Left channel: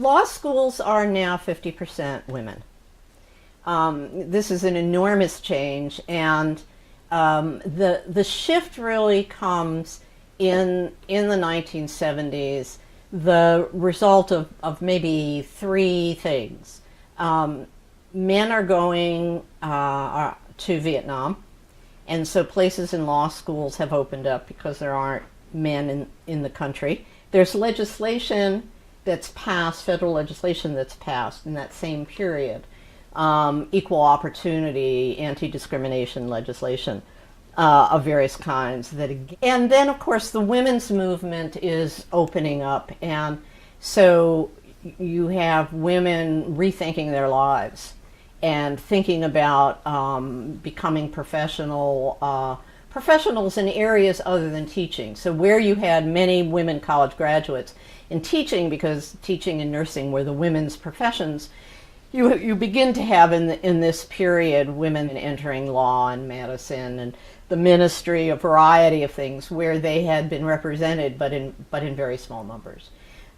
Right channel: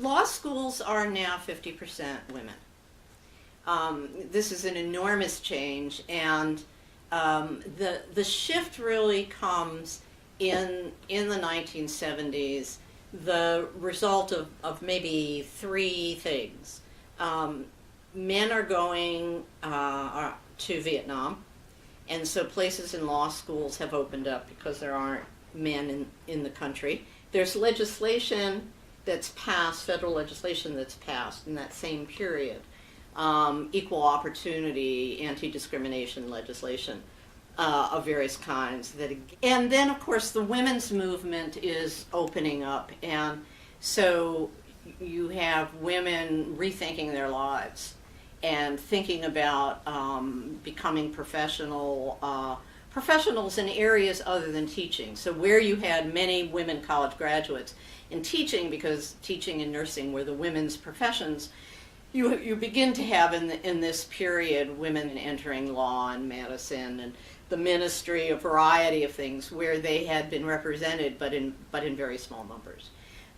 Law schools are now 50% women. This is an enormous change, and the shift really comes in the 1970s, the result of maybe three things. Men are going to Vietnam, and so places in law schools have opened up because there aren't men in the country. There's legislation that's passed, federal legislation that's passed in that same period, equal opportunity, anti-discrimination legislation of various kinds. And then, of course, the women's movement is opening up, and so you have women rethinking their lives and thinking about becoming professionals in areas other than teaching. So where you had many women college graduates in teaching, because teaching and nursing were the women's professions, you begin to have in this period women entering law and medicine and the ministry, a variety of things where they had been represented, but in very small numbers.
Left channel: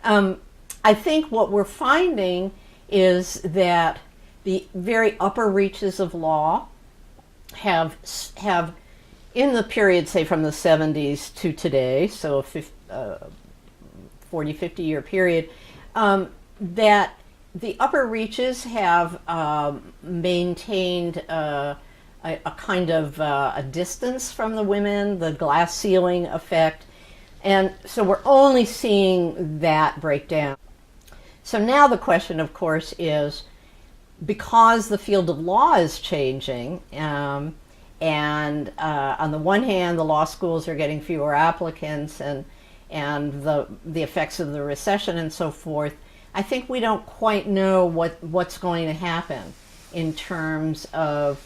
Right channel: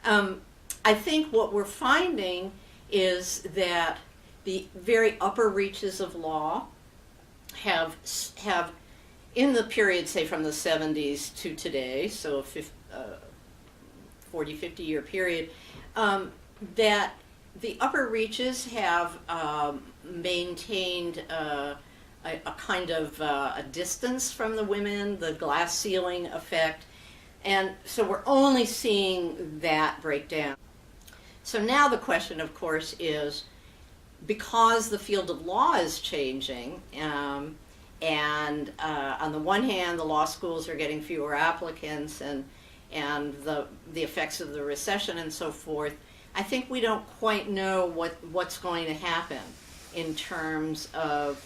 I think what we're finding is that the very upper reaches of law have in the period, say from the 70s to today, so a 40, 50 year period, that the upper reaches have maintained a kind of a distance from the women, the glass ceiling effect, and so we're only seeing that break down. So now the question, of course, is, because the field of law is changing, and on the one hand, the law schools are getting fewer applicants, and the effects of the recession and so forth, I think we don't quite know what's going to happen in terms of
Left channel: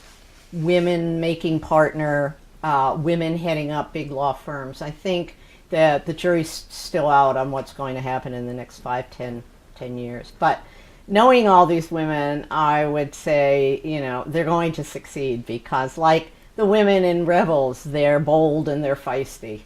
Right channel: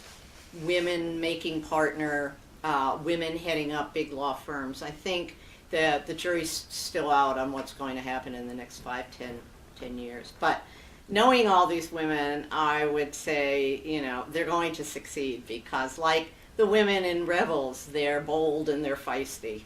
women making partner, women heading up big law firms. I think that the jury's still out on what's going to happen in the next 5, 10 years. But knowing all these women, I would say, they're going to succeed, because like the women in Rebels, they're bold and they're feisty.